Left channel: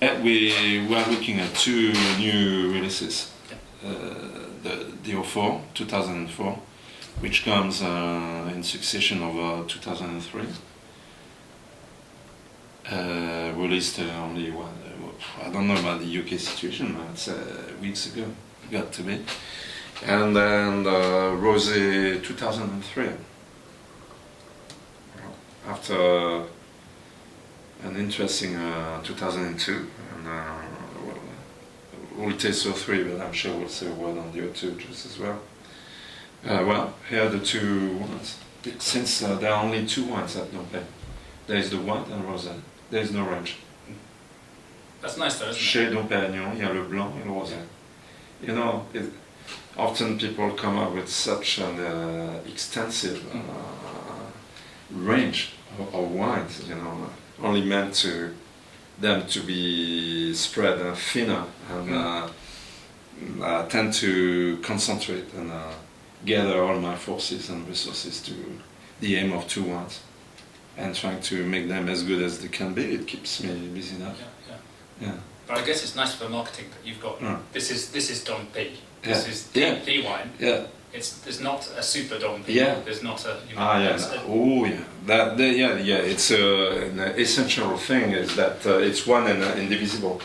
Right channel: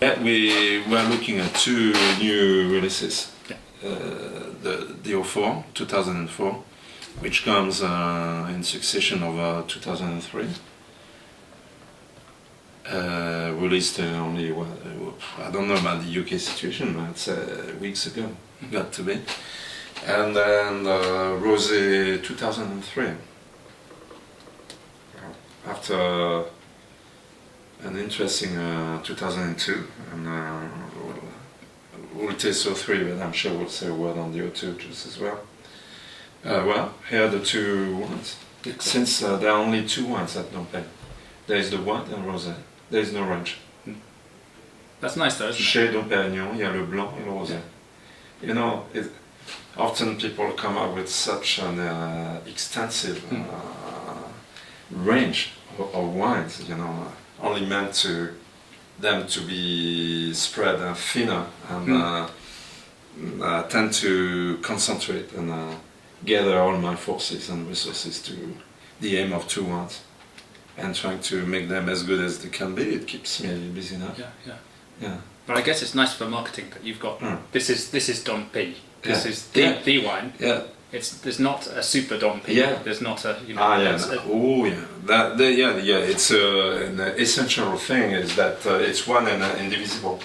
Yeah, we were looking at two new releases. Yeah. The 04, 2004, which comes in succession of 2003. Released only, I don't know about the UK situation, but it's weeks ago, got to be. And then Rose 2003. After an interesting 2002, and we'll taste 03, but I'm sure we'll say a word on the 02 just as well. Well, here are the two wines. Since there are only two wines at Dom Perignon. There is the white and rosé. There is no range. That's nice though, isn't it? Chez Dom Perignon, il y a le blanc et le rosé. You know, often people come up with such an extensive range of wines, you know, only meant to them to be spread thinner and tend to concentrate and gather all my forces and resources to the aim of two wines and trying to make them as good as they can be. It keeps me busy enough. Yeah. But I guess it's nice for marketing that you've got this is Dom P. This is the wine. Yeah. There's not a super Dom P. Yeah. There's not a It's an essential thing is that it's one and indivisible.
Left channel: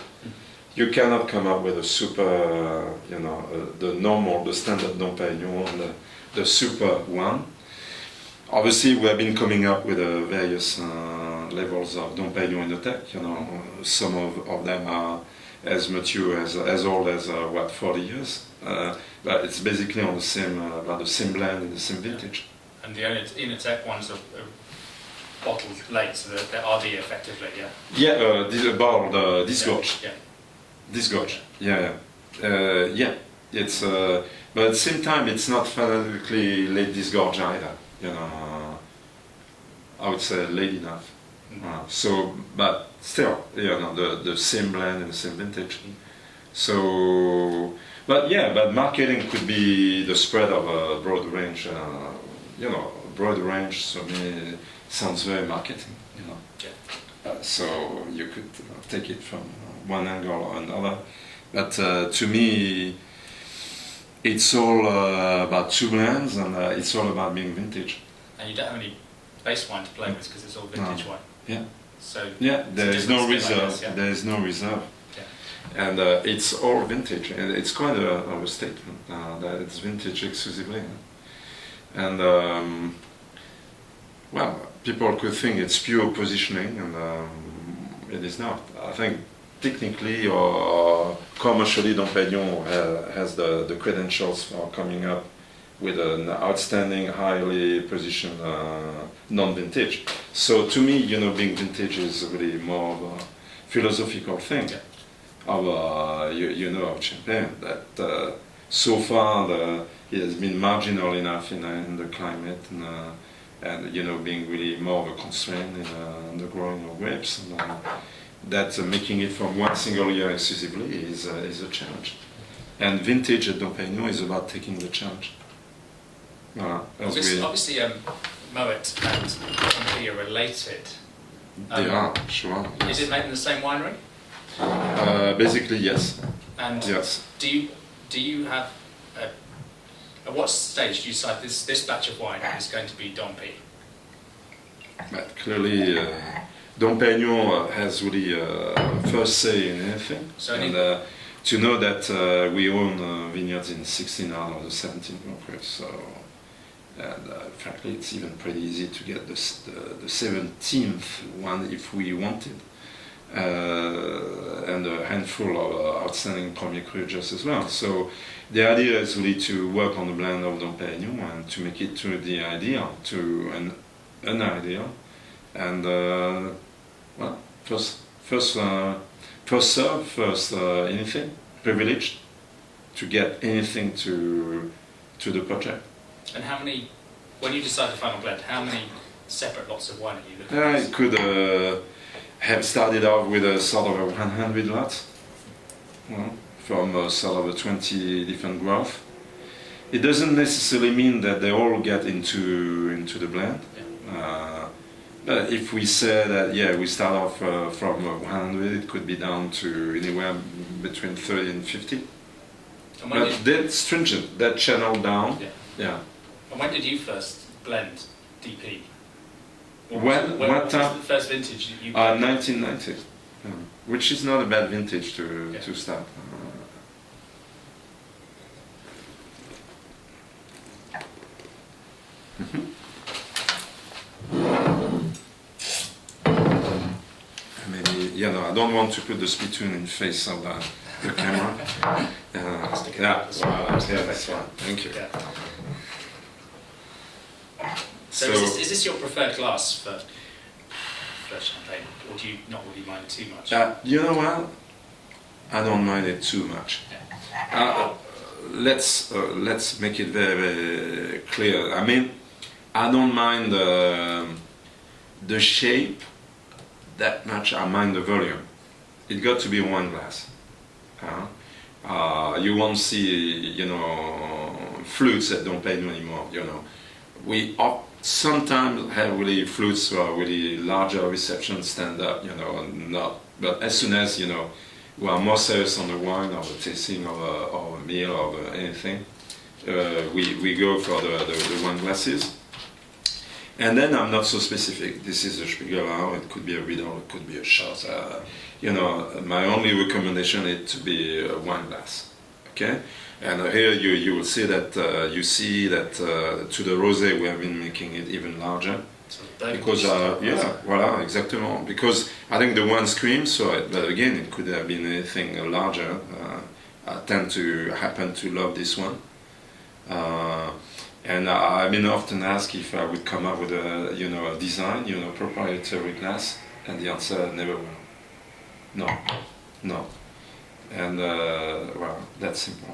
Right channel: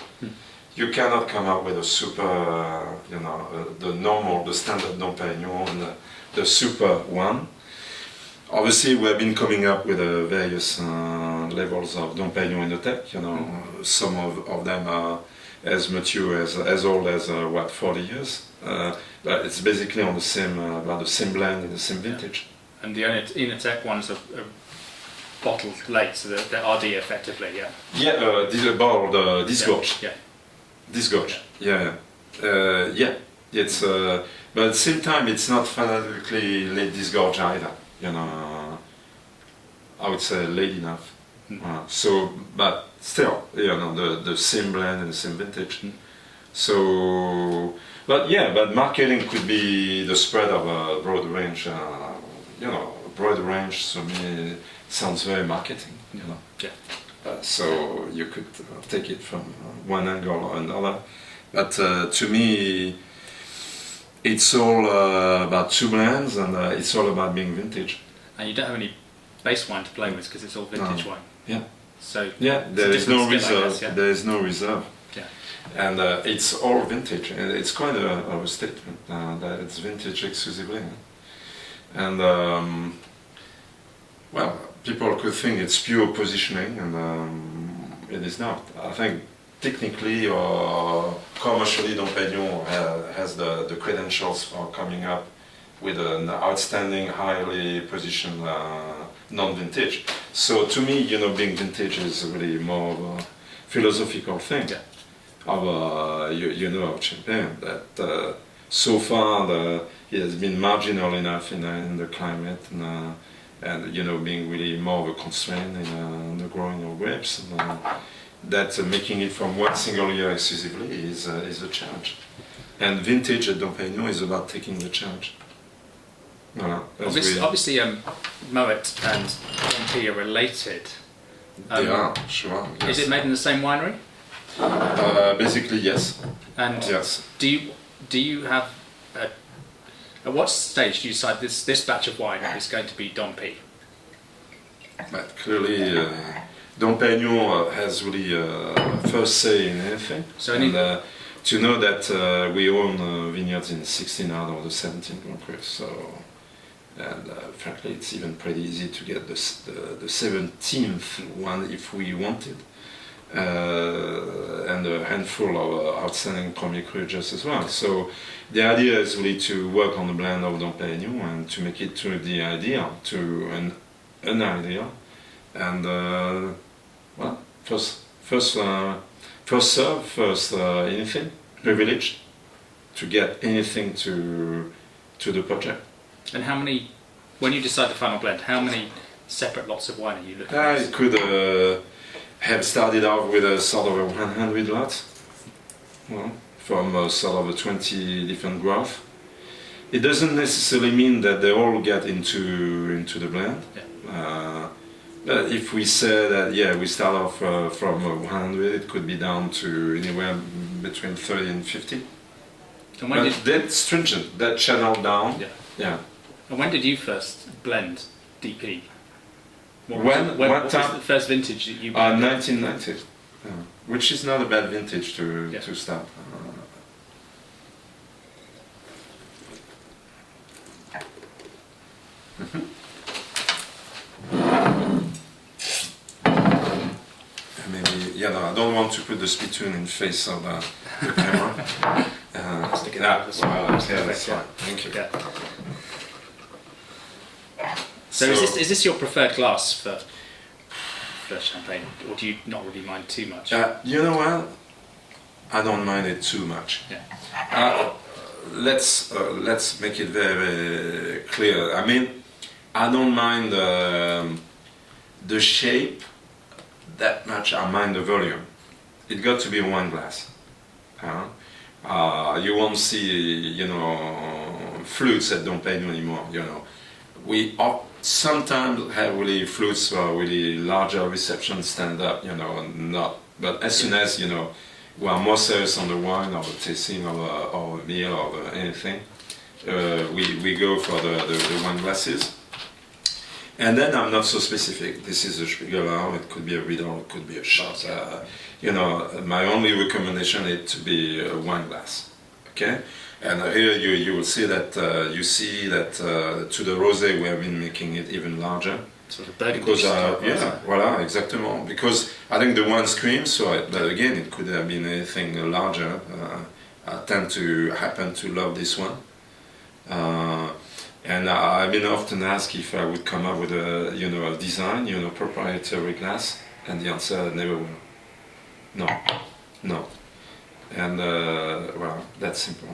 You cannot come up with a super, the standard Dom Perignon and the super one. Obviously, we have been coming up with various levels of Dom Perignon in the tech. You know, some of them are as mature as old as 40 years. But it's basically on the same blend in the same vintage. And the Inotech ones are bottled late, so they're RD effectively, yeah. Yeah, disgorge. Yeah. Disgorge. Yeah. It's but at the same time, it's not phonetically late disgorge either. You know, I would say late enough. But still, you know, the same blend and the same vintage. So, but marketing could be the spread of a broad range. Broad range. So me sounds very marketing. You know. Yeah. So you could take it from one angle or another. But to me, it's all about two blends, and it's all about being vintage. And you don't have any base wine to play with because it's all vintage wine. Yeah. So there is no reserve. Guess, yeah? There is no reserve. Yeah. And it's all vintage. And it's quite of a statement that it's vintage exclusively. And people could think it's pure positioning, and it is not. I think technically or commercially, Dom Perignon has the credentials for coming up with an outstanding, highly positioned non-vintage. So to me, being vintage is really more of a philosophical thing of of champagne that so far it has been marginal enough in the climate and being really more of a constraint in the growing of grapes. And, that making it from one single year exclusively is a challenge. And vintage at Dom Perignon is about taking the challenge. Voilà, obviously, Moet and Dom P are related. They are, sure. Yes. Is it made in the same winery? Basically, yes. And yes. Do you have at what stage do you decide this batch of wine is going to be Dom P? But clearly, Dom Perignon has really first say in anything. So to know that we own vineyards in 16 out of the 17 countries, so frankly, it's even pretty easy to get the 17th one if we wanted, and a handful of outstanding Premier Cru just as well. So the idea is really to work on the blend of Dom Perignon and to make it to the ideal, to an ideal. And first serve, first anything, privileged to get anything to the project. And how many, when you decide the final blend, how many separate lots of wine are you looking at? It could have started off with a sort of a 100 lots, from sort of a 20 different graph. It doesn't necessarily mean that they all get into the blend. Yeah. If we say that, yeah, we start off from 100, it could be down to anywhere between 30 and 50. And But that's stringent, that channel down. Yeah. Yeah. And when did you first blend DP? What was time? the first vintage that you blended? 1990, which is not a bad vintage to start. I mean, I don't want to put the spittoon in face of the camera. That's fine. Thank you. Yeah. So is this your preferred glass for champagne, or do you not really mind too much? You know what? I don't mind it too much. Yeah. Let's make it very, very clear. I mean, I don't mind the shape that much. I mind the volume. It got to be one glass. You won't see, flutes at Dom Perignon anymore. We sometimes have really flutes for really larger reception stand up. Not. But as soon as we are more serious on the wine or the tasting or a meal or anything, we go for the wine glasses. And then I'm not so specific. This is a Spiegelau, it could be a Riedel, it could be a shot. My only recommendation is to be a wine glass. Okay? And here you will see that to the rosé we have been making it even larger. So the because voilà, exactement. Because I think the wine screams for it, but again it could have been anything larger. I tend to happen to love this one. And I've been often asked if I would come up with a design, proprietary glass, and the answer never will. No. And well, that's simple.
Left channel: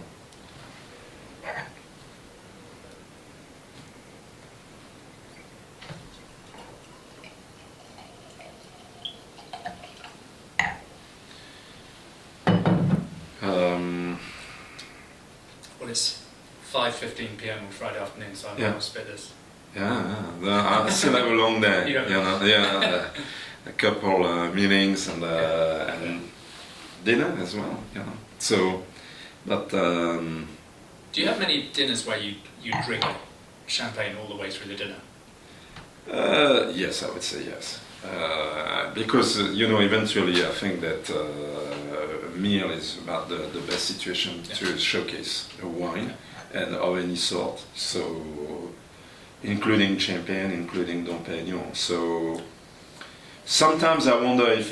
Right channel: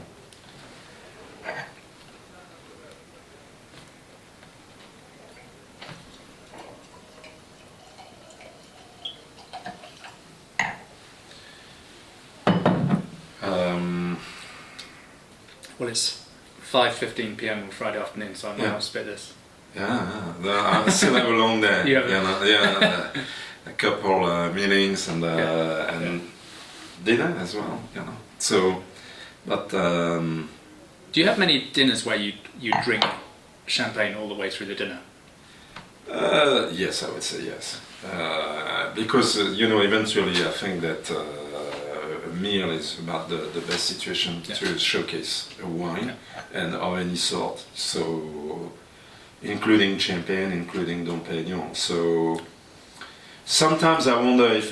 Well, it's 5:15 p.m. on Friday afternoon, so I might not spit this. Yeah. I still have a long day. A couple meetings and dinner as well. So, but do you have many dinners where you drink champagne all the way through the dinner? Yes, I would say yes. Because eventually I think that a meal is about the best situation to showcase a wine and of any sort. So, including champagne, including Dom Perignon. So, sometimes I wonder if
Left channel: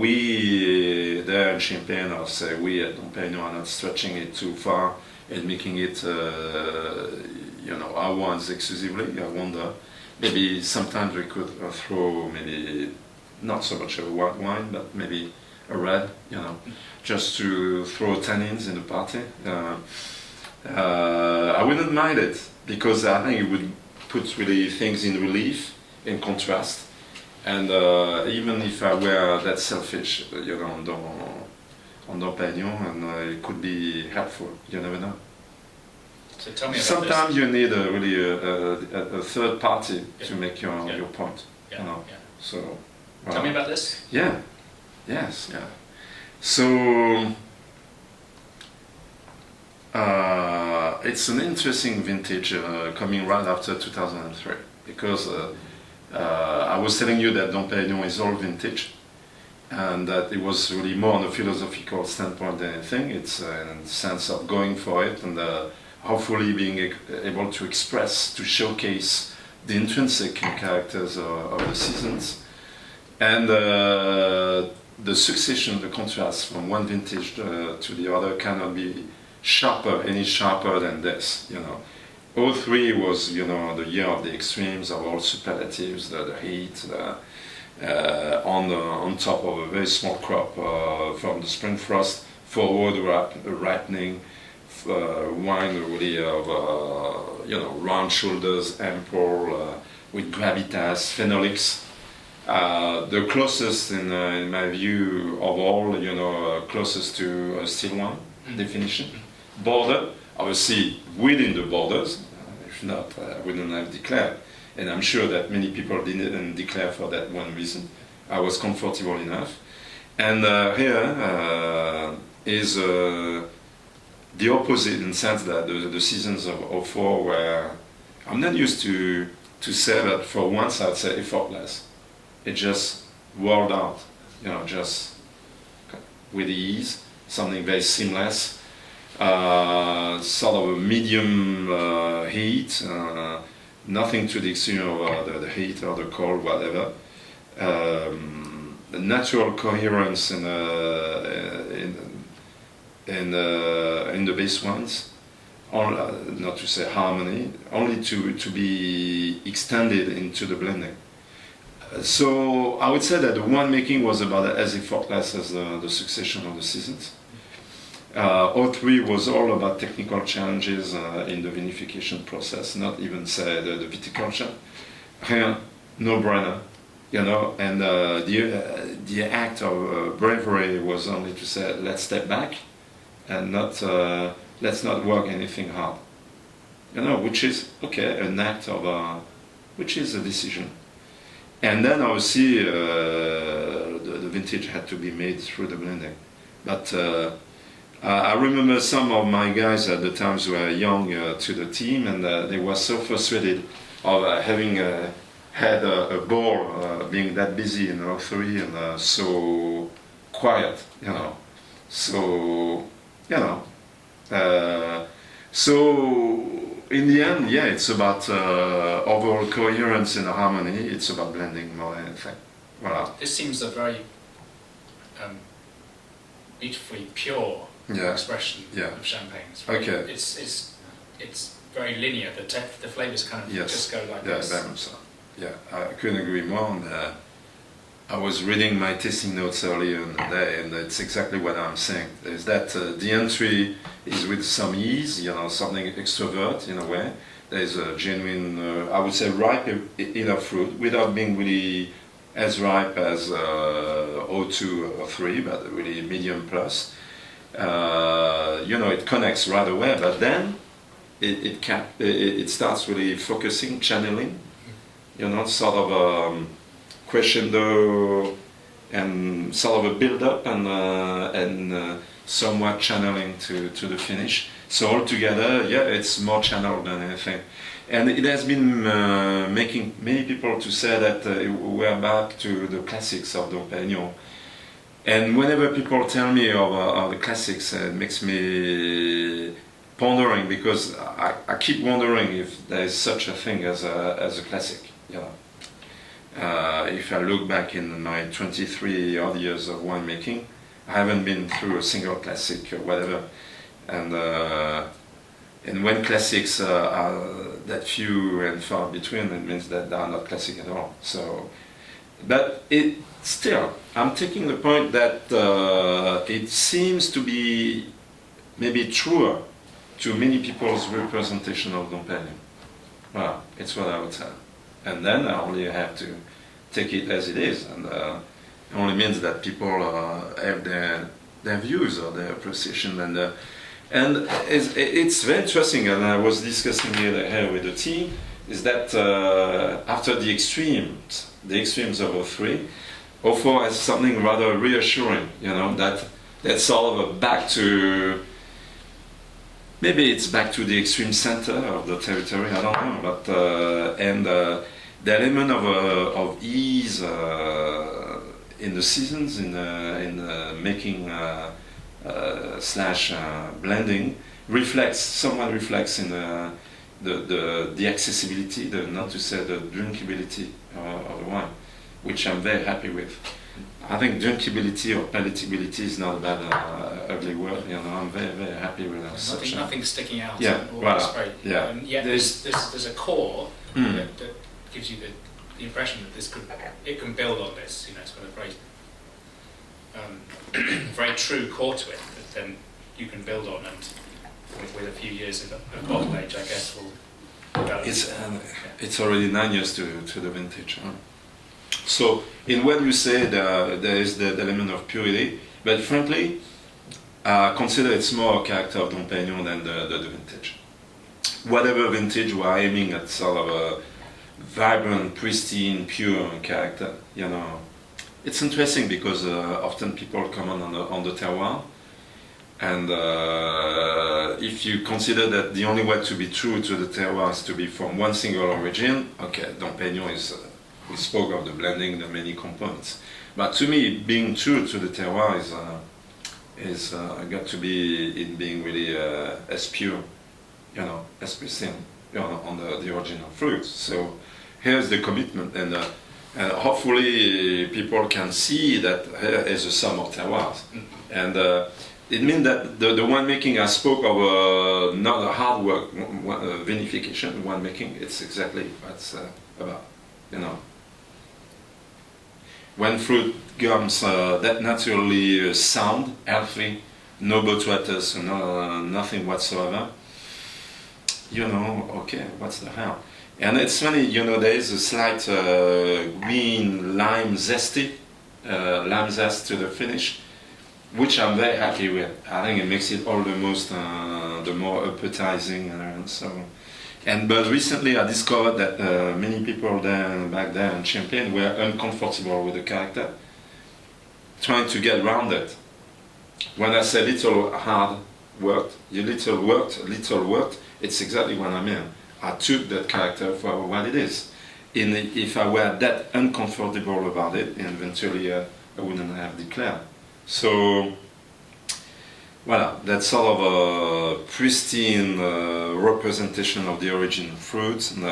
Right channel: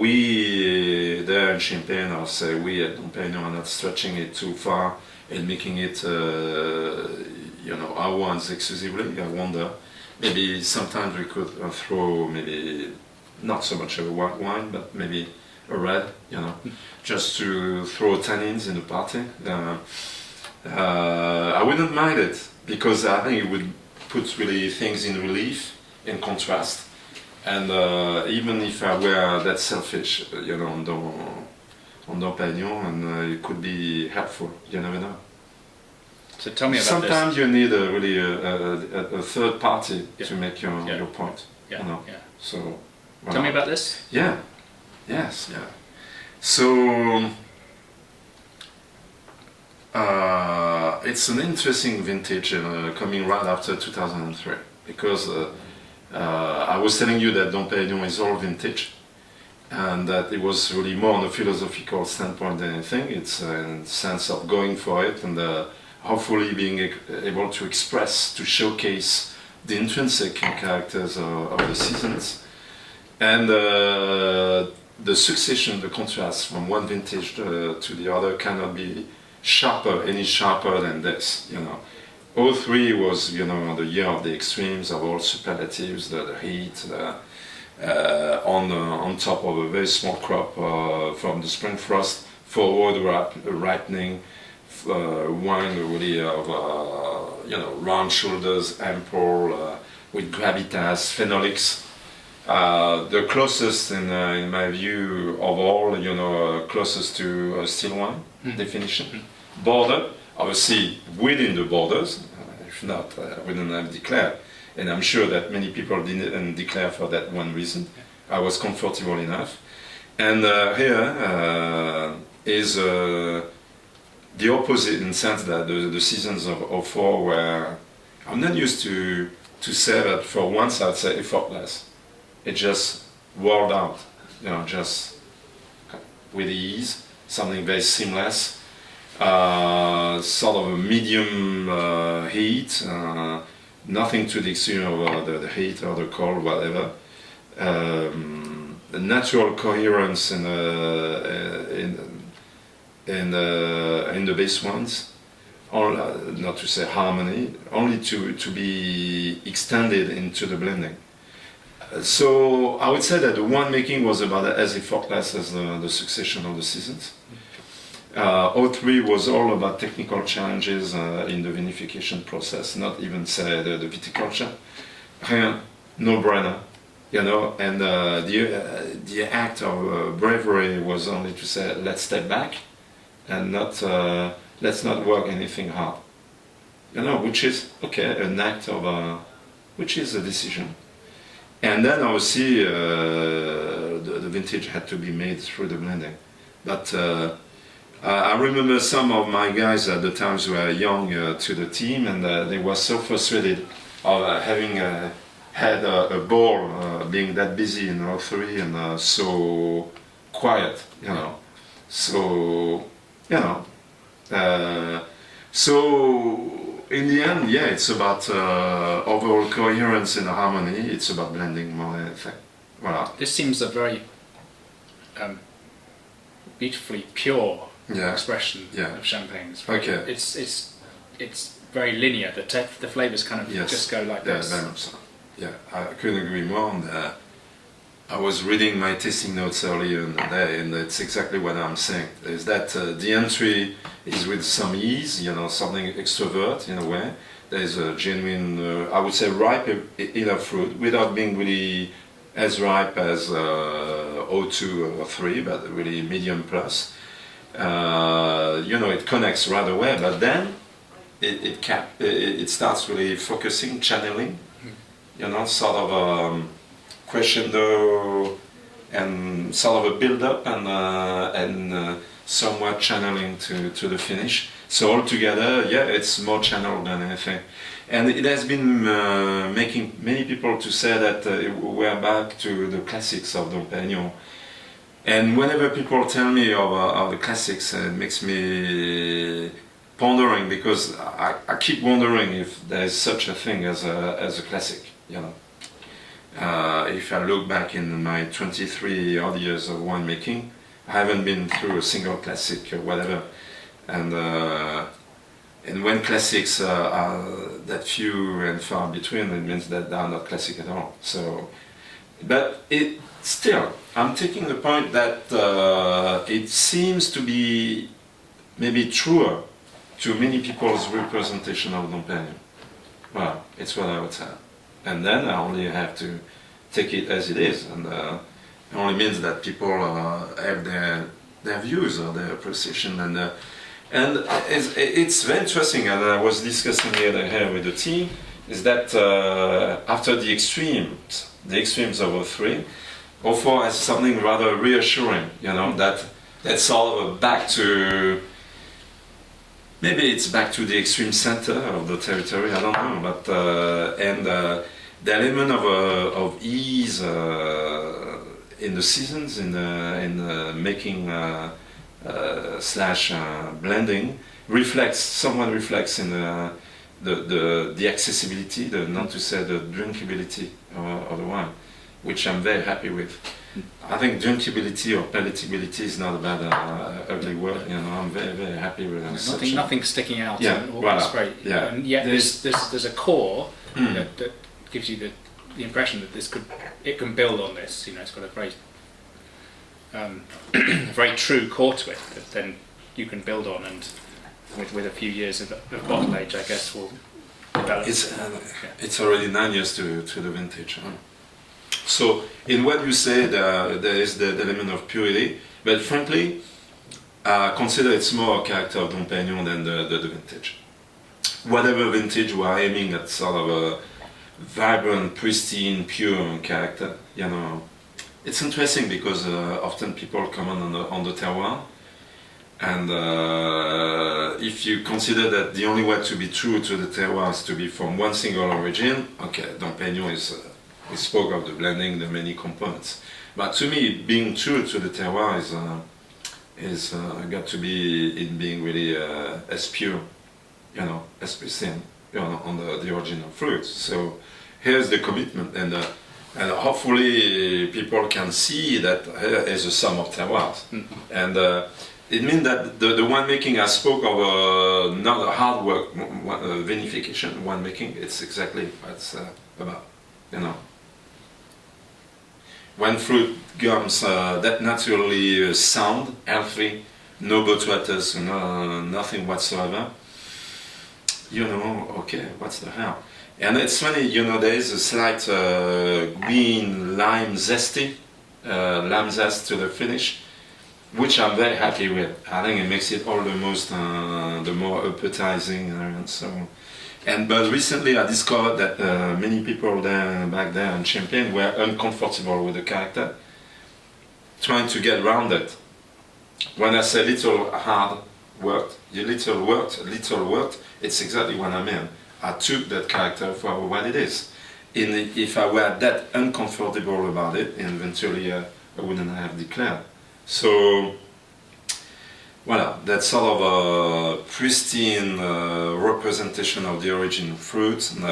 we there in Champagne, or say we at Dom Perignon, are not stretching it too far and making it, our wines exclusively. I wonder. Maybe sometimes we could throw maybe not so much of a white wine, but maybe a red, just to throw tannins in the party. I wouldn't mind it because I think it would put really things in relief, in contrast. And even if I were that selfish, on Dom Perignon, and it could be helpful. You never know. So tell me about Sometimes this. you need a third party to make your point. Yeah. So tell me about this. Yeah. Yes. Yeah. So it's an interesting vintage coming right after 2003 because I was telling you that Dom Perignon is all vintage. And that it was really more on a philosophical standpoint than anything. It's a sense of going for it and hopefully being able to express, to showcase the intrinsic characters of the seasons. And the succession, the contrast from one vintage to the other cannot be any sharper than this. 03 was, the year of the extremes, of all superlatives, the heat, on top of a very small crop from the spring frost, forward ripening, wine really of round shoulders, ample, with gravitas, phenolics. The closest, in my view, of all, closest to a still wine definition. Border, obviously within the borders. If not, I wouldn't have declared. and I'm sure that many people didn't declare for that one reason. I was comfortable enough. And here is the opposite in the sense that the seasons of 04 were, I'm not used to say that for once I'd say effortless. It just rolled out, just with ease, something very seamless, sort of a medium heat, nothing to the extreme of the heat or the cold, whatever. Natural coherence in the bass ones, not to say harmony, only to be extended into the blending. So I would say that the one making was about as effortless as the succession of the seasons. 03 was all about technical challenges in the vinification process, not even say the viticulture. No-brainer. And the act of bravery was only to say, let's step back and let's not work anything hard. Which is, okay, an act of, which is a decision. And then obviously the vintage had to be made through the blending. But I remember some of my guys at the times were young to the team, and they were so frustrated of having had a ball being that busy in 03 and so quiet, So, so in the end, yeah, it's about overall coherence and harmony. It's about blending more than anything. Voilà. This seems a very beautifully pure expression of champagne. It's very linear. The flavors kind of just go like this. Very much so. Yeah, I couldn't agree more. And I was reading my tasting notes earlier in the day, and it's exactly what I'm saying. Is that the entry is with some ease, something extrovert in a way. There's a genuine, I would say, ripe enough fruit without being really as ripe as 02 or 03, but really medium plus. It connects right away, but then it starts really focusing, channeling. Sort of crescendo and sort of a build-up and somewhat channeling to the finish. So altogether, it's more channeled than anything. And it has been making many people to say that we're back to the classics of Dom Perignon. And whenever people tell me of the classics, it makes me pondering, because I keep wondering if there's such a thing as a classic. If I look back in my 23 odd years of winemaking, I haven't been through a single classic or whatever. And when classics are that few and far between, it means that they are not classic at all. So, but still, I'm taking the point that it seems to be maybe truer to many people's representation of Dom Perignon. Well, it's what I would say. And then I only have to take it as it is, and it only means that people have their views or their appreciation, and it's very interesting. And I was discussing here with the team, is that after the extremes of 03, 04 has something rather reassuring, that's sort of a back to. Maybe it's back to the extreme center of the territory, I don't know, but the element of ease in the seasons, in making / blending, somewhat reflects in the accessibility, not to say the drinkability of the wine, which I'm very happy with. I think drinkability or palatability is not a bad ugly word. I'm very, very happy with it. Nothing sticking out. Yeah, That's great. Yeah. And yet there's a core that gives you the impression that it can build on this. It's got a very very true core to it that then you can build on, and with a few years of bottle age, I guess, will develop. It's already 9 years to the vintage. Huh? So, in what you say, there is the element of purity, but frankly, I consider it's more a character of Dom Perignon than the vintage. Whatever vintage we are aiming at, sort of vibrant, pristine, pure character. It's interesting because often people comment on the terroir, and if you consider that the only way to be true to the terroir is to be from one single origin, okay, Dom Perignon is. We spoke of the blending, the many components, but to me, being true to the terroir is got to be in being really as pure, as pristine, on the original fruit. So here's the commitment, and hopefully people can see that here is a sum of terroirs, and it means that the winemaking I spoke of, not a hard work, vinification, winemaking. It's exactly what it's about, When fruit comes that naturally sound, healthy, no botrytis, nothing whatsoever, okay, what's the hell? And it's funny, there is a slight green lime zest to the finish, which I'm very happy with. I think it makes it all the more appetizing, and so. But recently I discovered that many people back there in Champagne were uncomfortable with the character, trying to get around it. When I say little worked, it's exactly what I mean. I took that character for what it is. If I were that uncomfortable about it, eventually I wouldn't have declared. So, voilà, that's sort of a pristine representation of the origin of fruits and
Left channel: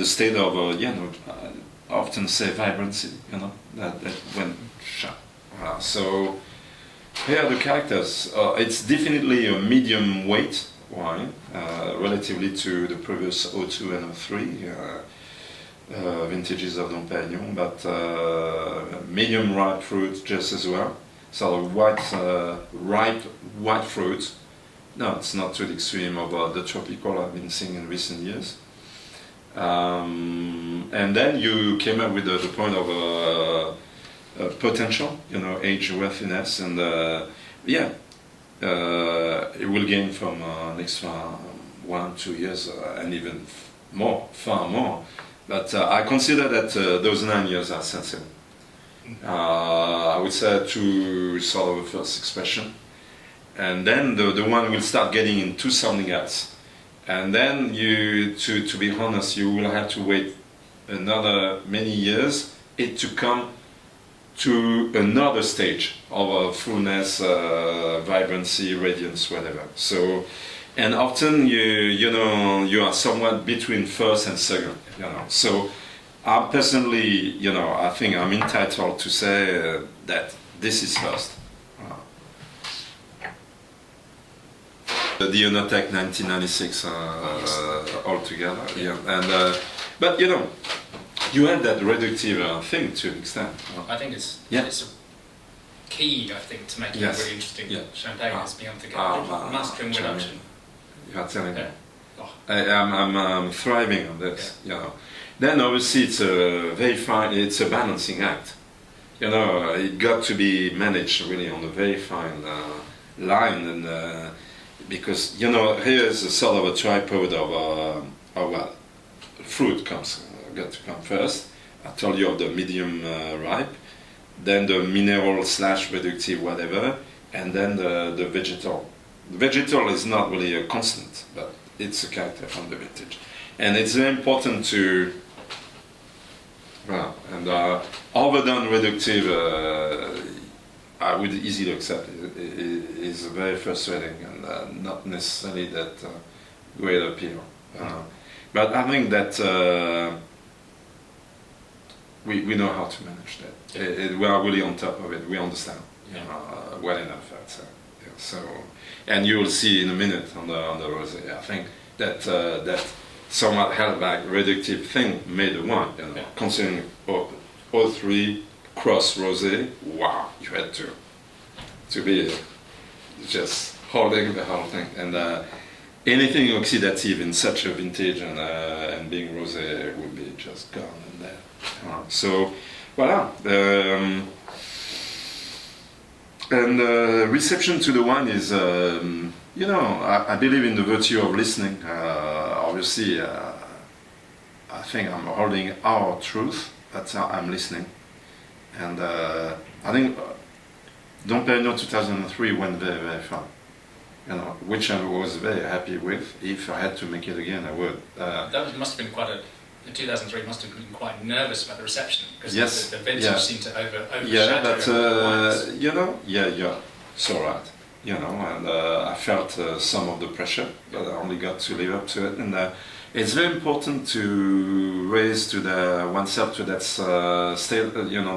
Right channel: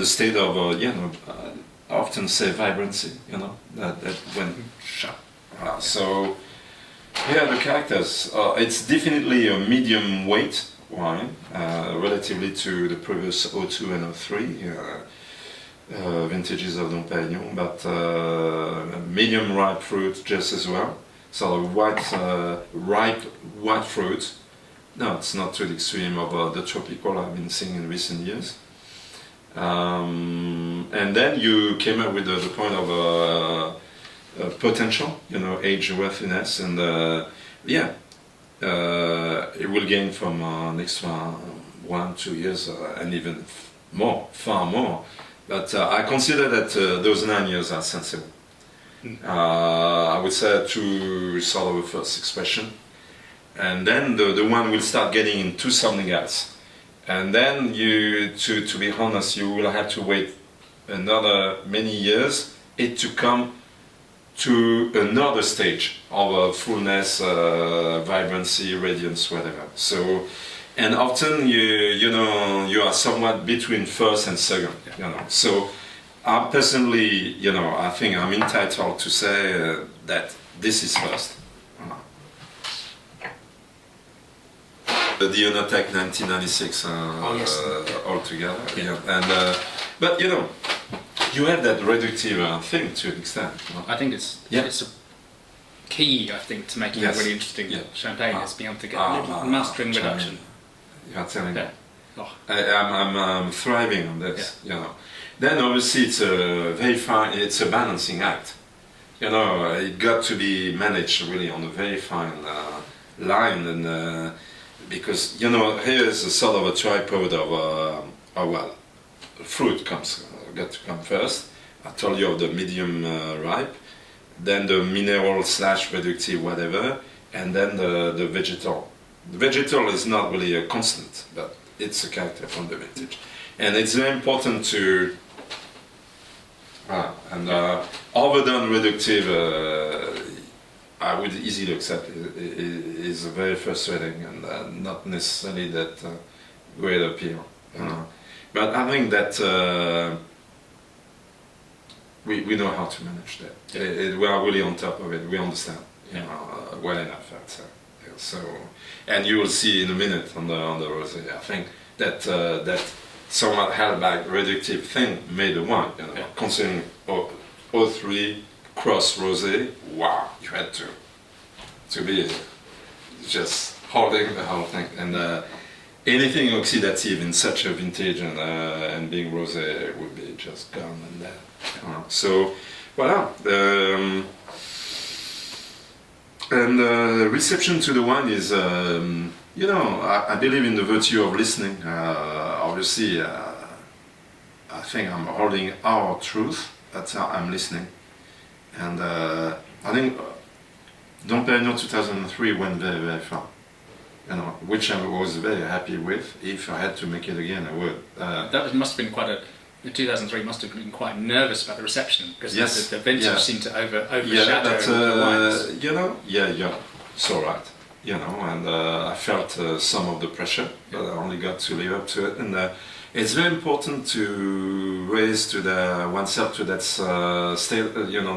the state of, I often say vibrancy, that when, voilà. So, here are the characters. It's definitely a medium weight wine, relatively to the previous 02 and 03 vintages of Dom Perignon, but medium ripe fruit just as well. Sort of ripe white fruit. No, it's not to the extreme of the tropical I've been seeing in recent years. And then you came up with the point of potential, age worthiness, and it will gain from an extra 1-2 years and even more, far more. But I consider that those 9 years are sensible. I would say to sort of a first expression, and then the one will start getting into something else, and then to be honest, you will have to wait another many years it to come to another stage of fullness, vibrancy, radiance, whatever. So, and often you are somewhat between first and second, So I personally, I think I'm entitled to say that this is first. The Onotech 1996 altogether, and but you have that reductive thing to an extent. I think it's a key, I think, to making a really interesting champagne is being able to get mastering reduction. You're telling me. I'm thriving on this, Then obviously it's a very fine, it's a balancing act. It got to be managed really on a very fine line, and because here is a sort of a tripod of fruit got to come first. I told you of the medium ripe, then the mineral / reductive whatever, and then the vegetal. The vegetal is not really a constant, but it's a character from the vintage, and it's very important to. Overdone reductive, I would easily accept is very frustrating and not necessarily that great appeal. But I think that we know how to manage that. We are really on top of it. We understand well enough. So, and you will see in a minute on the rosé. I think that that somewhat held back reductive thing made the wine. Considering 03 cross rosé, wow, you had to be just holding the whole thing, and anything oxidative in such a vintage and being rosé would be just gone and dead. So, voilà. And reception to the wine is, I believe in the virtue of listening. Obviously, I think I'm holding our truth, but I'm listening. And I think Dom Perignon 2003 went very, very far. You know, which I was very happy with. If I had to make it again, I would. Must have been quite a. The 2003 must have been quite nervous about the reception because yes, the vintage seemed to overshadow. Yeah, but the you know, it's all right. You know, and I felt some of the pressure, but I only got to live up to it. And it's very important to raise to oneself to that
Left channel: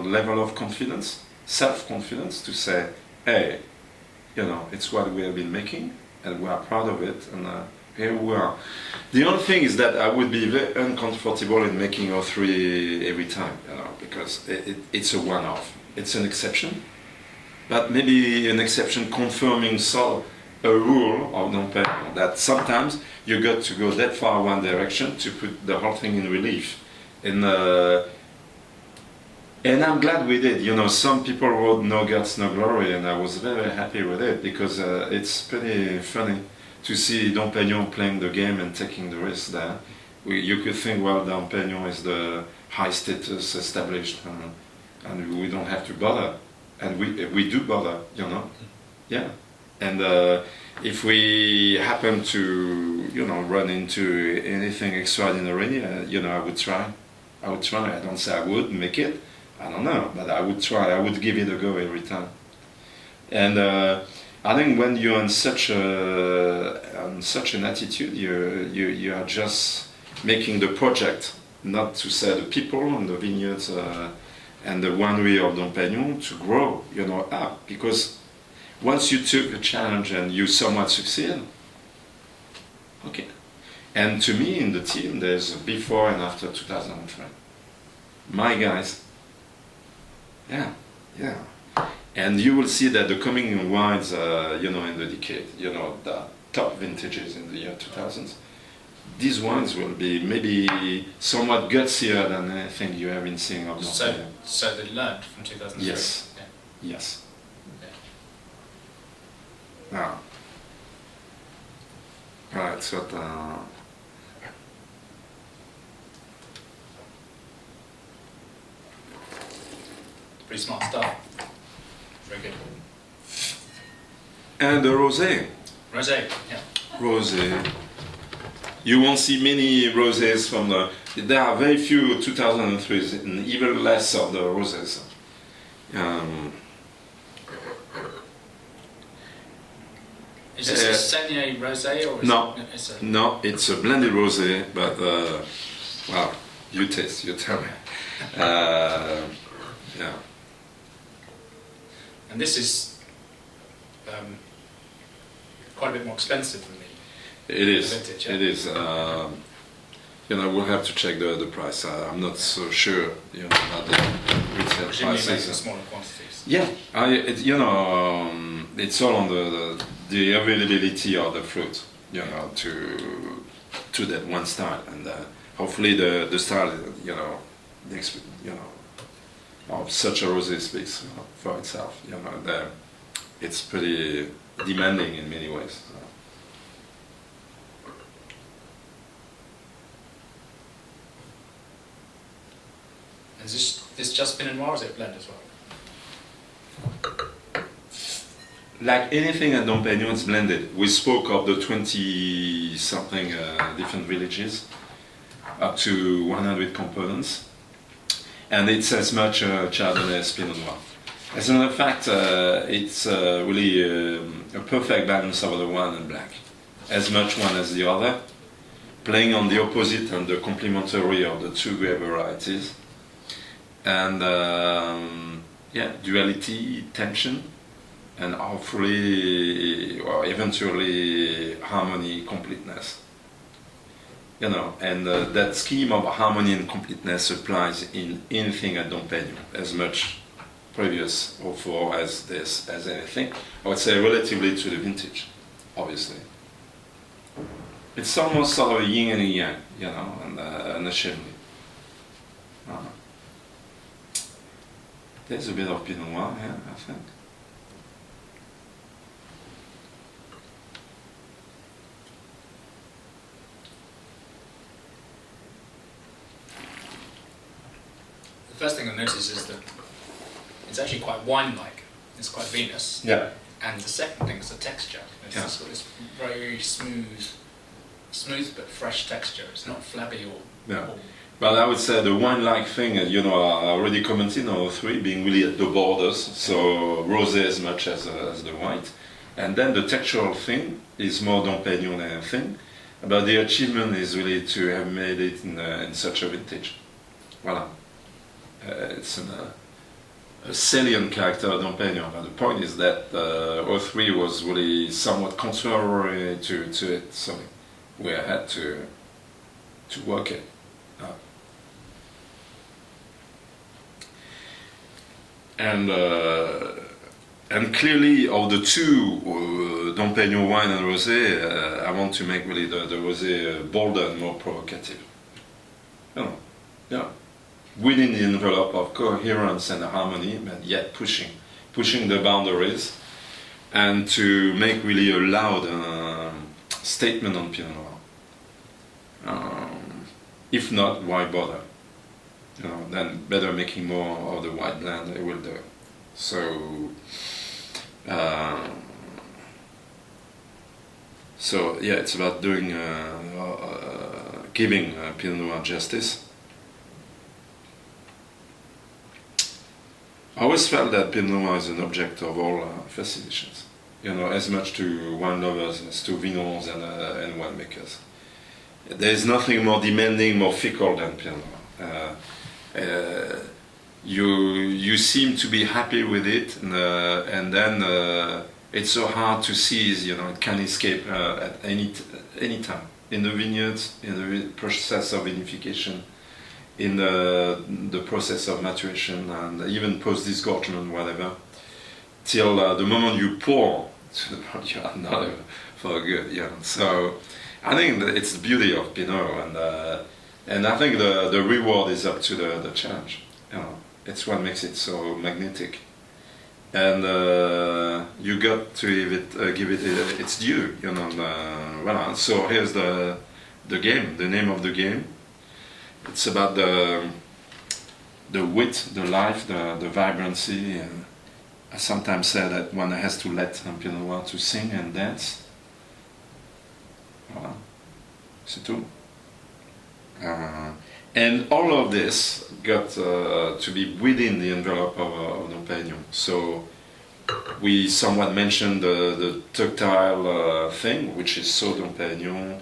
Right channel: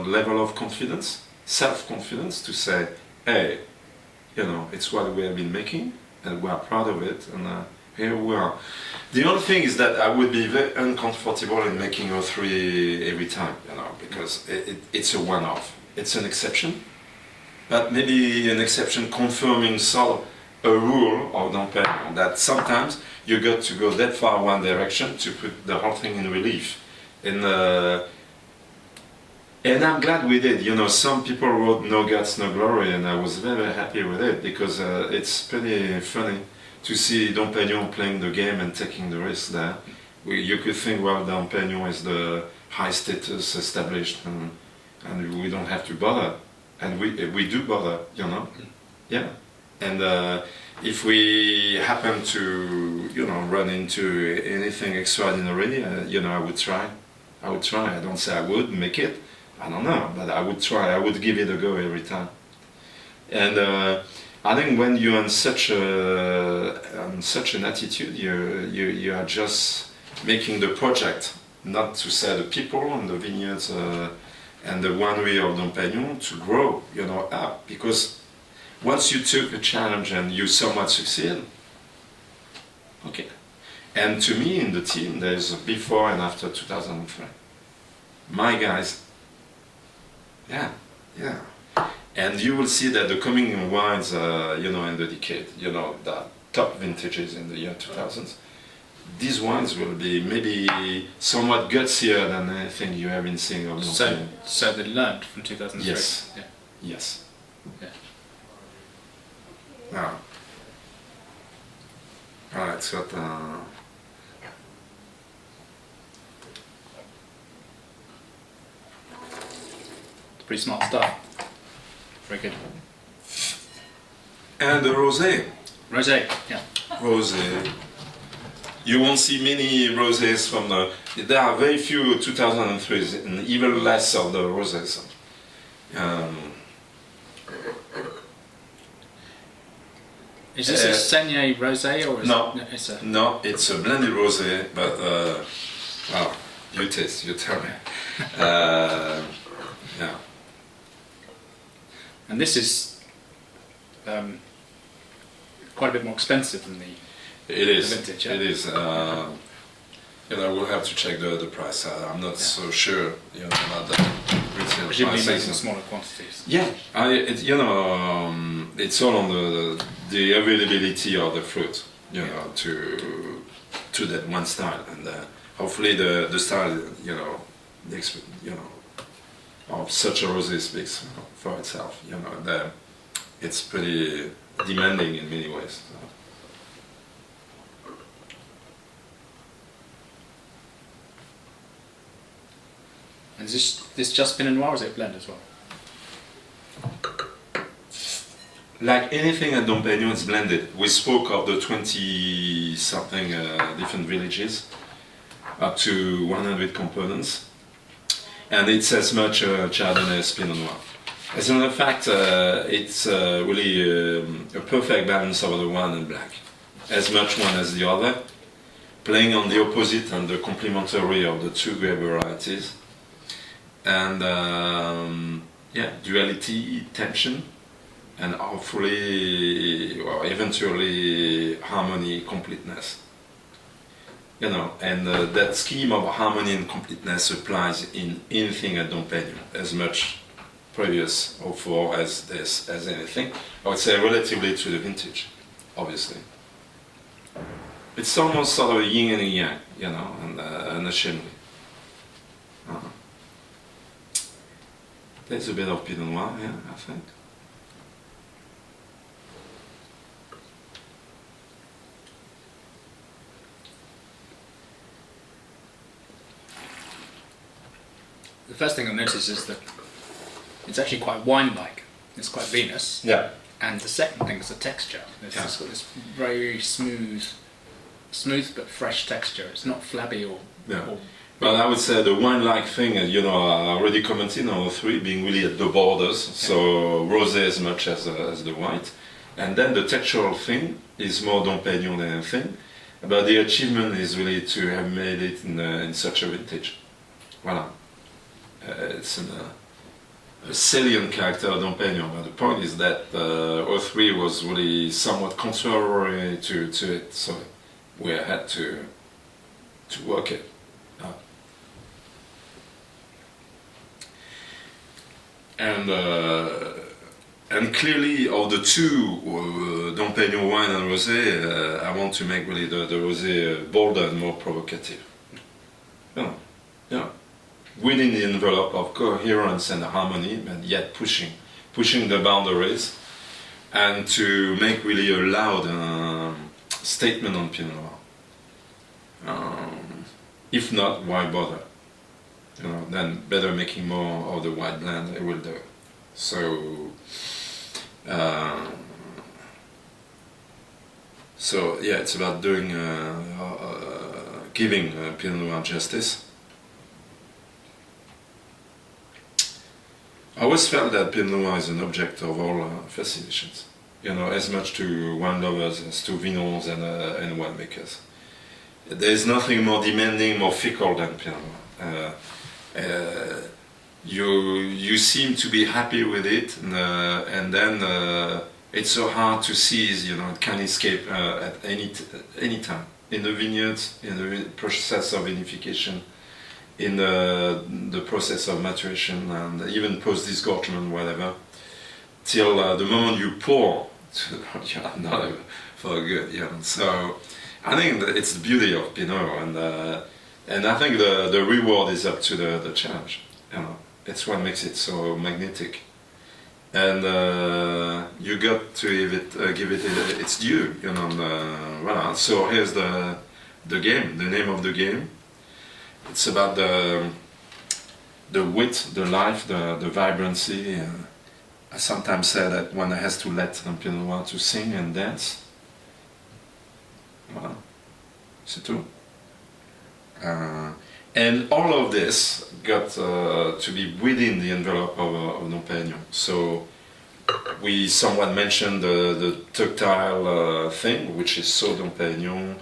level of confidence, self-confidence, to say, hey, you know, it's what we have been making, and we are proud of it, and here we are. The only thing is that I would be very uncomfortable in making 03 every time, you know, because it's a one-off. It's an exception, but maybe an exception confirming a rule of Dom Perignon, that sometimes you got to go that far one direction to put the whole thing in relief. And I'm glad we did. You know, some people wrote "No Guts, No Glory," and I was very, very happy with it because it's pretty funny to see Dom Perignon playing the game and taking the risk there. You could think, well, Dom Perignon is the high status established, and we don't have to bother, and we do bother, you know, yeah. And if we happen to, you know, run into anything extraordinary, you know, I would try. I don't say I would make it. I don't know, but I would try. I would give it a go every time. And I think when you're on such an attitude, you are just making the project, not to say the people and the vineyards and the winery of Dom Perignon to grow, you know, up. Because once you took a challenge and you somewhat succeed, okay. And to me, in the team, there's a before and after 2003. My guys. Yeah. And you will see that the coming wines, you know, in the decade, you know, the top vintages in the year 2000s, these wines will be maybe somewhat gutsier than anything you have been seeing of Dom Perignon. So they learned from 2003? Yes. Yeah. Yes. Yeah. Now, right, so pretty smart stuff. Very good. And the rosé. Rosé, yeah. Rosé. You won't see many rosés from the. There are very few 2003s, and even less of the rosés. Is this a Saignée rosé or is no? No, It's a blended rosé, but well, you taste, you tell me. Yeah. And this is quite a bit more expensive than the vintage. Yeah? It is. You know, we'll have to check the price. I'm not so sure, you know, about the retail presumably prices. making in smaller quantities. Yeah, you know, it's all on the availability of the fruit, you know, to that one style, and hopefully the style, you know, of such a rosé speaks for itself. You know, it's pretty demanding in many ways. So. And is this just Pinot Noir or is it a blend as well? Like anything at Dom Perignon, it's blended. We spoke of the 20-something different villages, up to 100 components, and it's as much Chardonnay as Pinot Noir. As a matter of fact, it's really a perfect balance of the one and black, as much one as the other, playing on the opposite and the complementary of the two grape varieties, and duality, tension, and hopefully, or eventually, harmony, completeness. You know, and that scheme of harmony and completeness applies in anything at Dom Perignon, as much previous or for as this as anything. I would say relatively to the vintage, obviously. It's almost sort of a yin and a yang, you know, and a chimney. There's a bit of Pinot Noir here, I think. the first thing I noticed is that it's actually quite wine-like. It's quite vinous. Yeah. And the second thing is the texture. It's got this very smooth but fresh texture. It's not flabby or... But I would say the wine-like thing, I already commented on 03 being really at the borders, so rosé as much as the white. And then the textural thing is more Dom Perignon than anything. But the achievement is really to have made it in such a vintage. Voilà. It's a salient character of Dom Perignon. But the point is that 03 was really somewhat contrary to it, so we had to work it. And clearly, of the two, Dom Perignon wine and rosé, I want to make really the rosé bolder and more provocative. Within the envelope of coherence and harmony, but yet pushing the boundaries, and to make really a loud statement on Pinot Noir. If not, why bother? Then better making more of the white blend, it will do it. So it's about doing, giving Pinot Noir justice. I always felt that Pinot Noir is an object of all fascinations, as much to wine lovers as to vinons and winemakers. There is nothing more demanding, more fickle than Pinot Noir. You seem to be happy with it, and then it's so hard to seize. It can escape at any time in the vineyards, in the process of vinification, in the process of maturation, and even post disgorgement, whatever, till the moment you pour, you are not for good. So I think that it's the beauty of Pinot, and I think the reward is up to the challenge. It's what makes it so magnetic, and you got to give it its due. Voilà. So here's the game. The name of the game. It's about the wit, the life, the vibrancy. I sometimes say that one has to let Pinot Noir to sing and dance. Voilà. C'est tout. And all of this got to be within the envelope of Dom Perignon. So we somewhat mentioned the tactile thing, which is so Dom Perignon.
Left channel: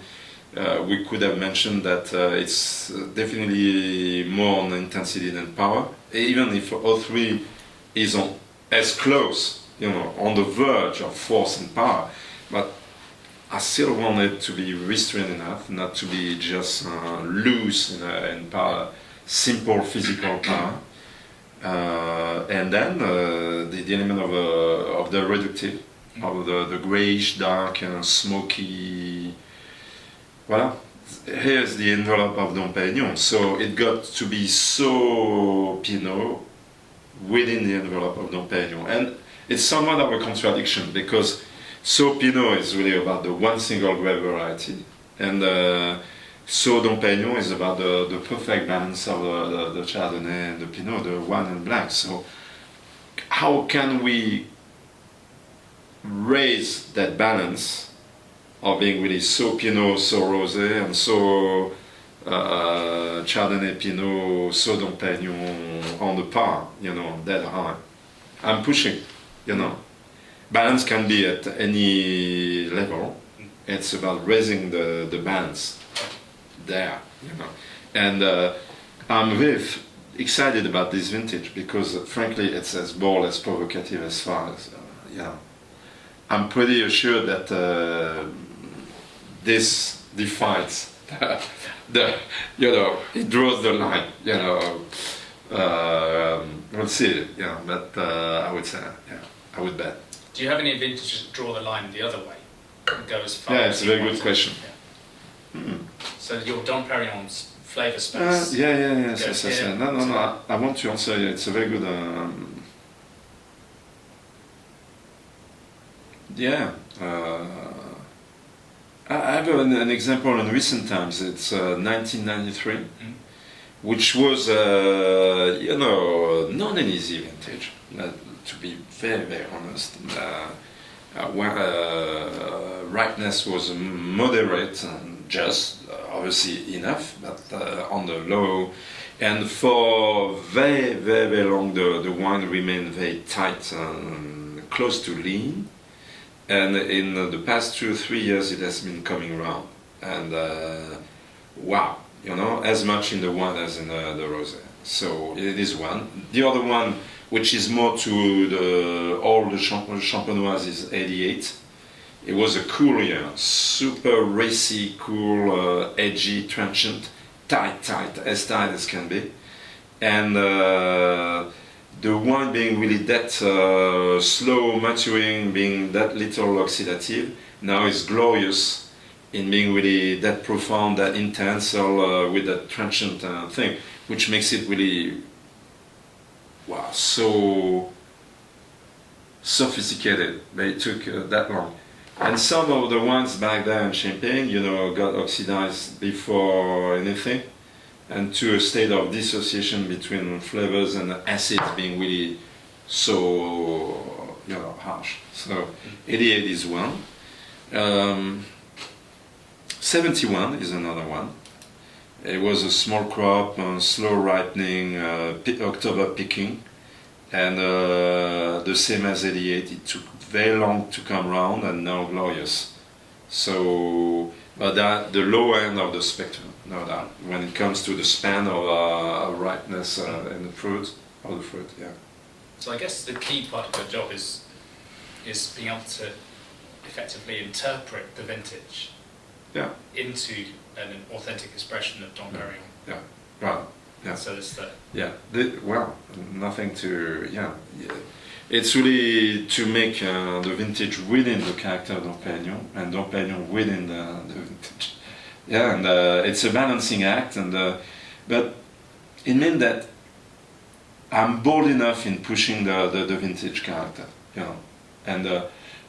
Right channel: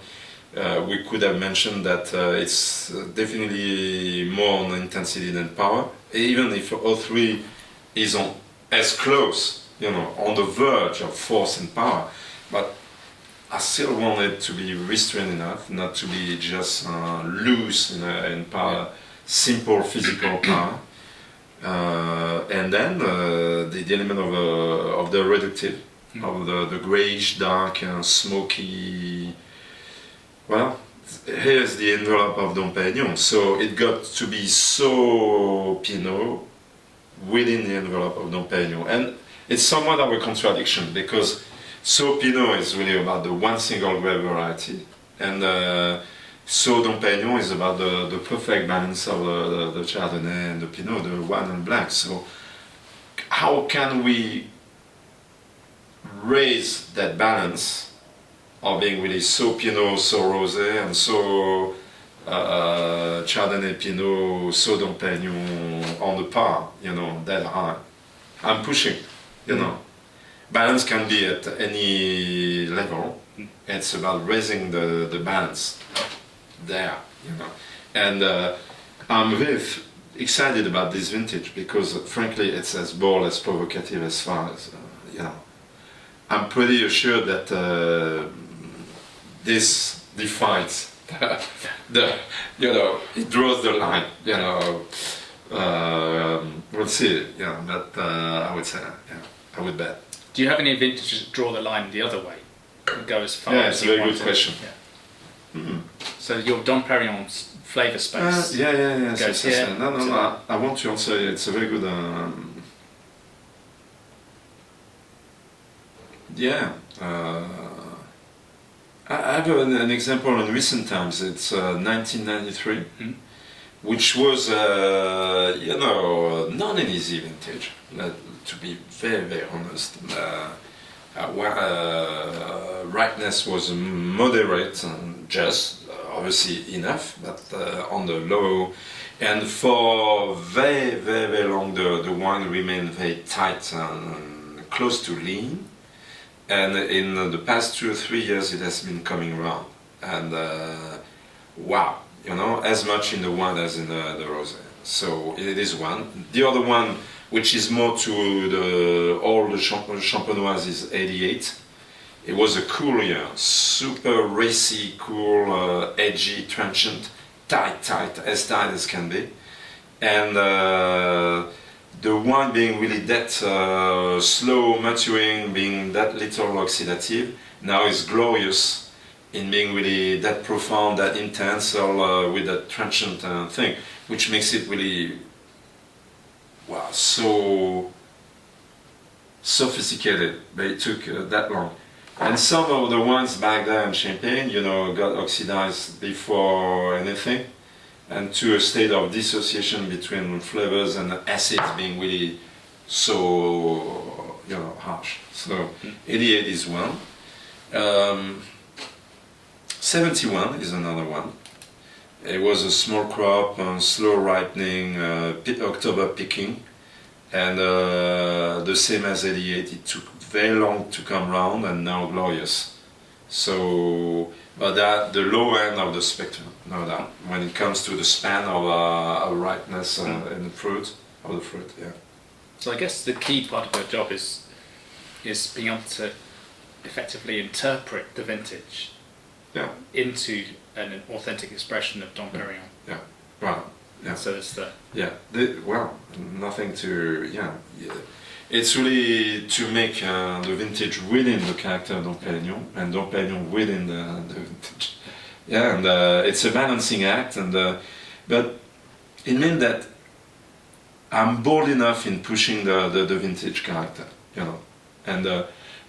We could have mentioned that it's definitely more on intensity than power, even if 03 is as close, on the verge of force and power, but I still want it to be restrained enough, not to be just loose in power, simple physical power, and then the element of the reductive, of the greyish, dark, smoky. Well, here's the envelope of Dom Perignon. So it got to be so Pinot within the envelope of Dom Perignon, and it's somewhat of a contradiction because. So Pinot is really about the one single grape variety, and so Dom Perignon is about the perfect balance of the Chardonnay and the Pinot, the white and black. So how can we raise that balance of being really so Pinot, so Rosé, and so Chardonnay, Pinot, so Dom Perignon on the par, that high? I'm pushing, Balance can be at any level. It's about raising the balance there, And I'm very excited about this vintage because, frankly, it's as bold, as provocative as far as, I'm pretty assured that this defines it draws the line, we'll see, but I would say, I would bet. Do you have any vintages that draw the line the other way and go as far? Yeah, it's a very good question. Yeah. Mm-hmm. So your Dom Perignon's flavour space. Yes. No. I want to answer. It's a very good. I have an example in recent times. It's 1993. which was, not an easy vintage, to be very, very honest. Where ripeness was moderate and just, obviously enough, but on the low. And for very, very, very long, the wine remained very tight and close to lean. And in the past 2 or 3 years, it has been coming round. And wow, as much in the wine as in the rosé. So it is one. The other one, which is more to all the champenoise, is 88. It was a cool year, super racy, cool, edgy, transient, tight, as tight as can be. And the wine being really that slow maturing, being that little oxidative, now is glorious in being really that profound, that intense, with that transient thing, which makes it really, wow, so sophisticated. But it took that long. And some of the wines back there in Champagne, got oxidized before anything, and to a state of dissociation between flavors and acids being really so, harsh. So 88 is one. 71 is another one. It was a small crop, slow ripening, October picking, and the same as 88. It took very long to come round, and now glorious. So, but that the low end of the spectrum, no doubt, when it comes to the span of ripeness in the fruit, yeah. So I guess the key part of your job is being able to effectively interpret the vintage, yeah, into an authentic expression of Dom Perignon. Yeah, well, yeah. So it's nothing to, It's really to make the vintage within the character of Dom Perignon, and Dom Perignon within the vintage. Yeah, and it's a balancing act, but it means that I'm bold enough in pushing the vintage character, And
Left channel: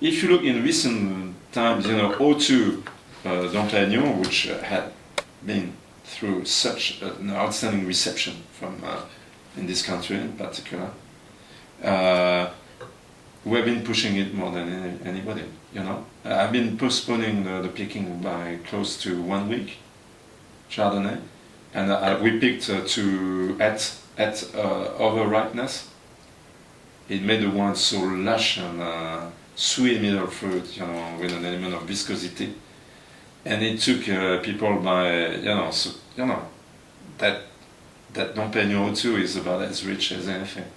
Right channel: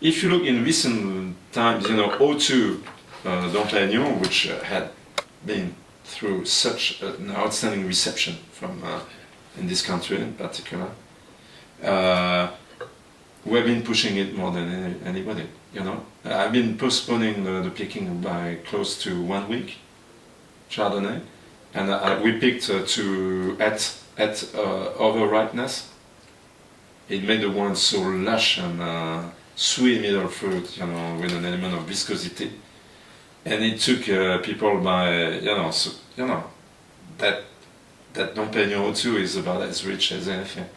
if you look in recent times, 02 Dom Perignon, which had been through such an outstanding reception from in this country in particular, we've been pushing it more than anybody. I've been postponing the picking by close to 1 week, Chardonnay, and we picked at over ripeness. It made the wine so lush and sweet middle fruit, with an element of viscosity. And it took people by, that Dom Perignon 02 is about as rich as anything.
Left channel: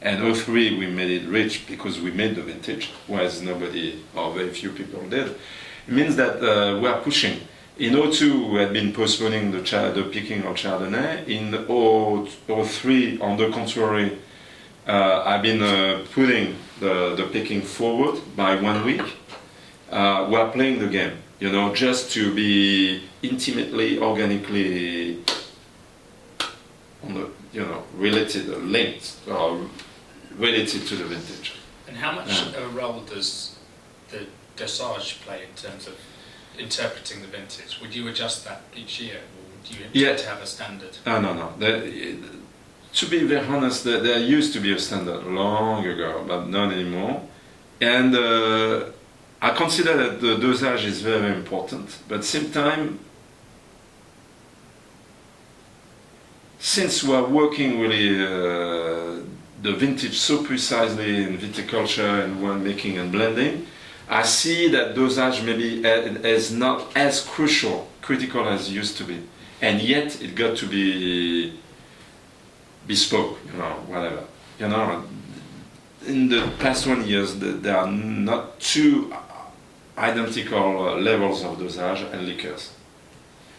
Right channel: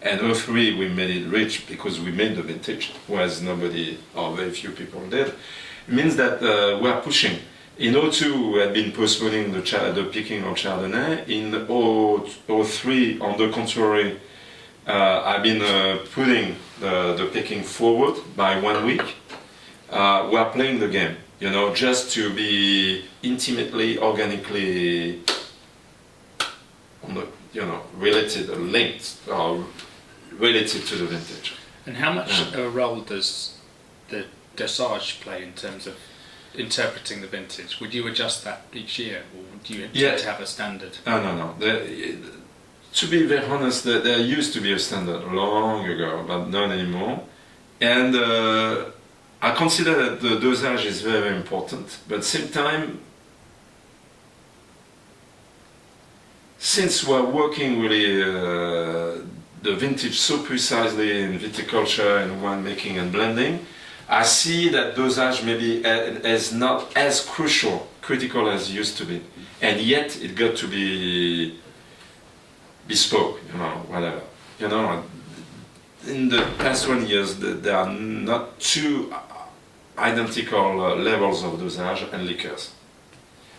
And 03 we made it rich because we made the vintage, whereas nobody or very few people did. It means that we are pushing. In 02 we had been postponing the picking of Chardonnay. In 03, on the contrary, I've been putting the picking forward by 1 week. We are playing the game. Just to be intimately, organically, related, linked, or related to the vintage. And how much of a role does the dosage play in terms of interpreting the vintage? Would you adjust that each year, or would you tend to have a standard? No. To be very honest, there used to be a standard long ago, but not anymore. And I consider that the dosage is very, very important, but at the same time, since we're working really the vintage so precisely in viticulture and winemaking and blending, I see that dosage maybe is not as critical as it used to be, and yet it got to be bespoke, whatever. In the past 1 year, there are not two identical levels of dosage and liqueurs.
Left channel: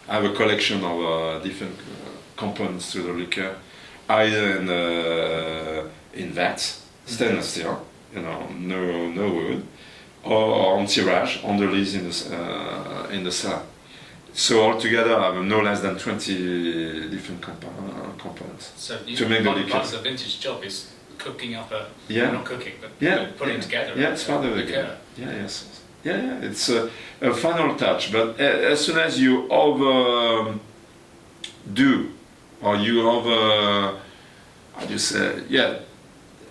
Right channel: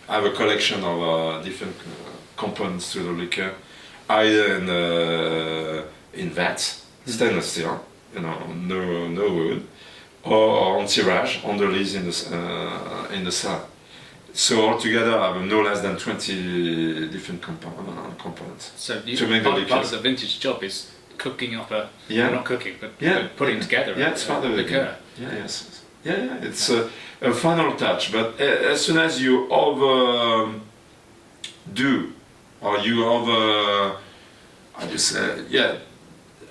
I have a collection of different components to the liqueur, either in vats, stainless steel, no wood, or on tirage, on the lees in the cellar. So altogether, I have no less than 20 different components. So to make the liqueurs. Part of the vintage job is cooking up well, not cooking, but putting together. Yeah, it's part of the liqueur. Yes. It's a final touch. But as soon as you overdo or you over, how do you say, yeah.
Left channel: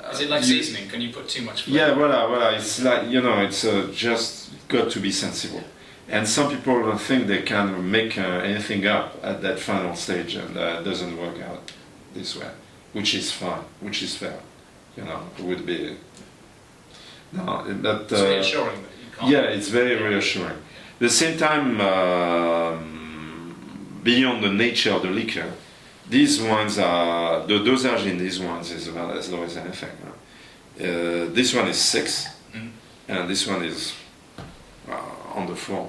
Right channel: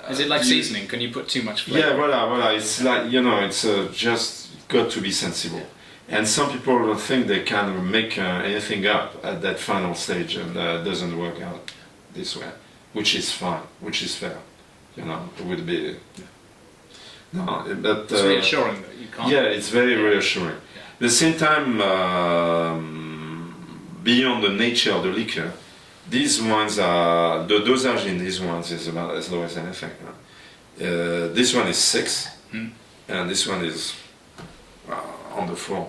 Is it like seasoning? Can you put too much flavor? Yeah, voilà. It's like, it's just got to be sensible. And some people think they can make anything up at that final stage, and it doesn't work out this way, which is fine, which is fair. It would be. No, but it's reassuring that you can't. Yeah, it's very reassuring. At the same time, beyond the nature of the liquor, these ones are, the dosage in these ones is about as low as anything. This one is 6, and this one is on the 4.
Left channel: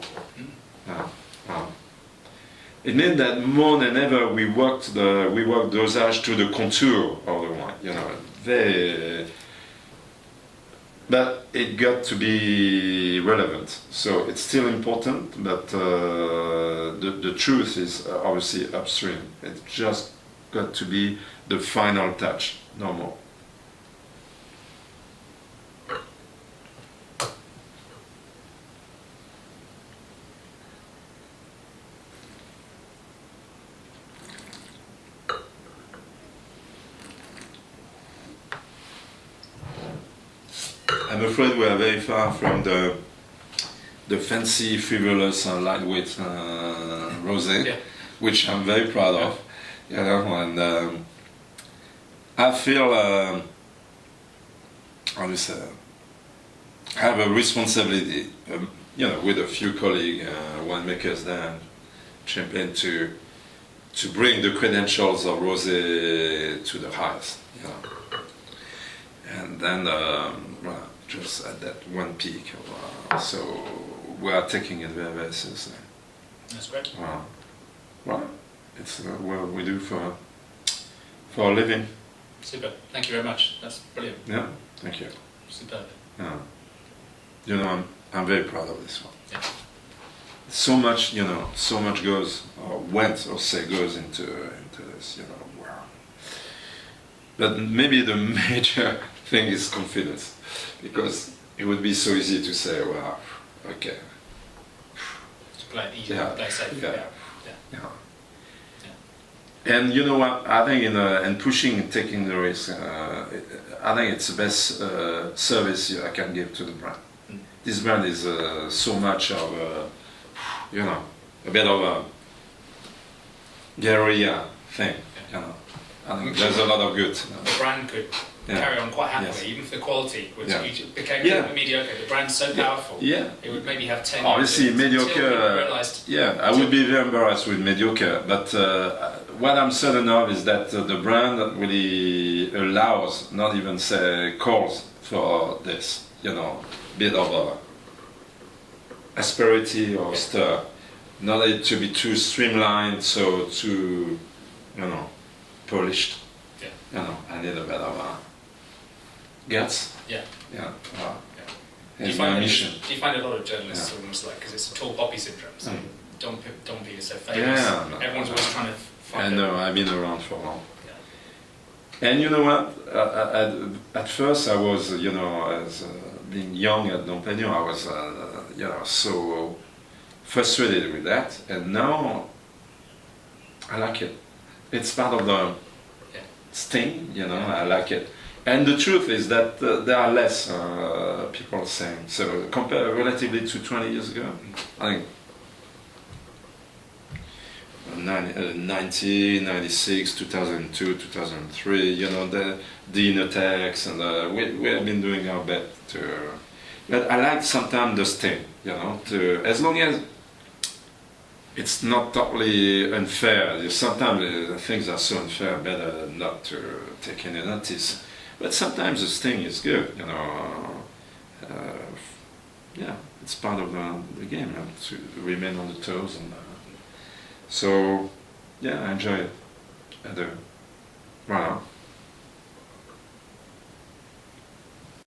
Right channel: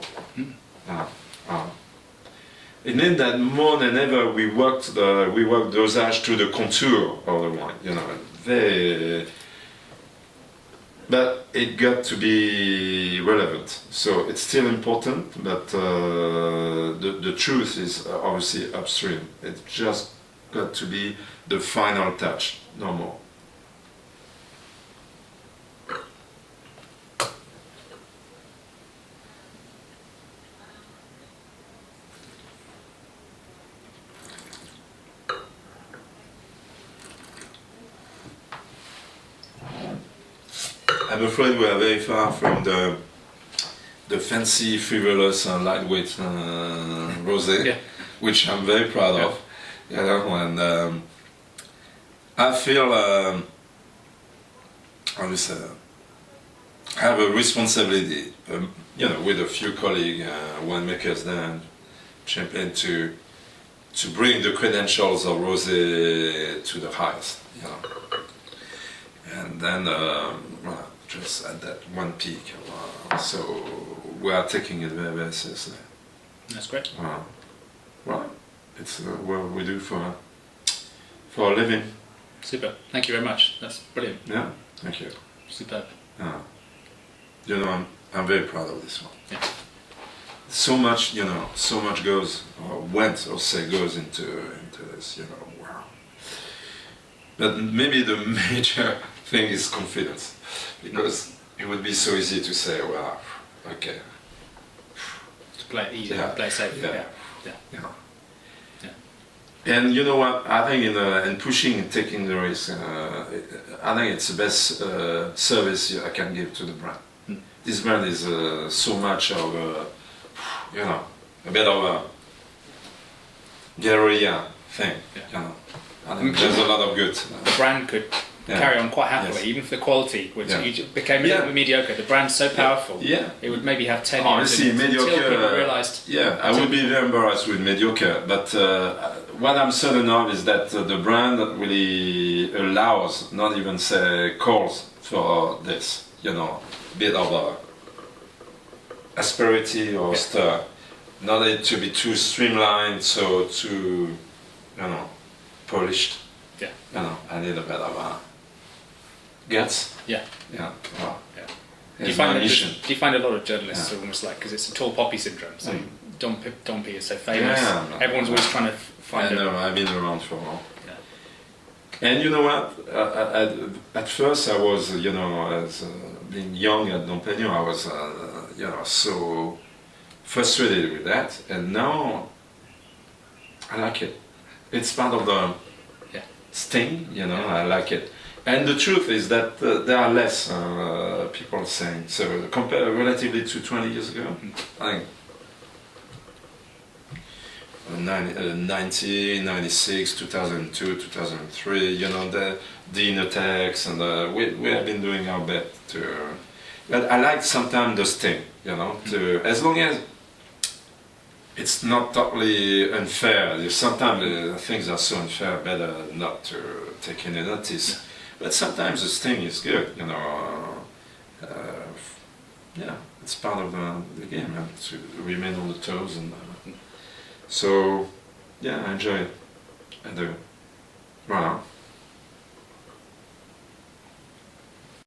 It means that more than ever we worked dosage to the contour of the wine. Very. But it got to be relevant, so it's still important, but the truth is obviously upstream. It's just got to be the final touch, no more. I'm afraid we are very far from the fancy, frivolous, and lightweight rosé, which I'm very proud of. And I feel, how do you say, I have a responsibility, with a few colleagues, winemakers there, Champagne, to bring the credentials of rosé to the highest. And then, just at that one peak. So we are taking it very, very seriously. That's great. Well, it's what we do for a living. Super. Thank you very much. That's brilliant. Yeah, thank you. Superb. I'm very proud of this one. Yeah. So much, so much goes into this, wow. But maybe the major thing is confidence, because it would be so easy to say, well, okay. To play it easy, play safe. Yeah. And you know what? I think in pushing and taking the risk, I think it's the best service I can give to the brand. This brand is so much of a bit of a guerrilla thing. I think there's a lot of good. The brand could carry on quite happily, even for the quality, which became mediocre. The brand's so powerful. It would maybe have 10 years. Honestly, mediocre. I would be very embarrassed with mediocre. But what I'm certain of is that the brand really allows, not even say calls for this, bit of a asperity or stir. Not it to be too streamlined, so too, polished. I need a bit of a guts. Do you find a lot of journalists are almost like, because it's a tall poppy syndrome, so Dom P is so famous, everyone's always trying to find I've been around for a while. And you know what, at first I was, as being young at Dom Perignon, I was, so frustrated with that, and now I like it. It's part of the sting, I like it. And the truth is that there are less people saying, so compared relatively to 20 years ago, I think 90, 96, 2002, 2003, the inner text, and we have been doing our best to. But I like sometimes the sting, to, as long as it's not totally unfair. Sometimes things are so unfair, better not to take any notice. But sometimes the sting is good, it's part of the game, to remain on the toes, and so I enjoy it. I do. Voilà.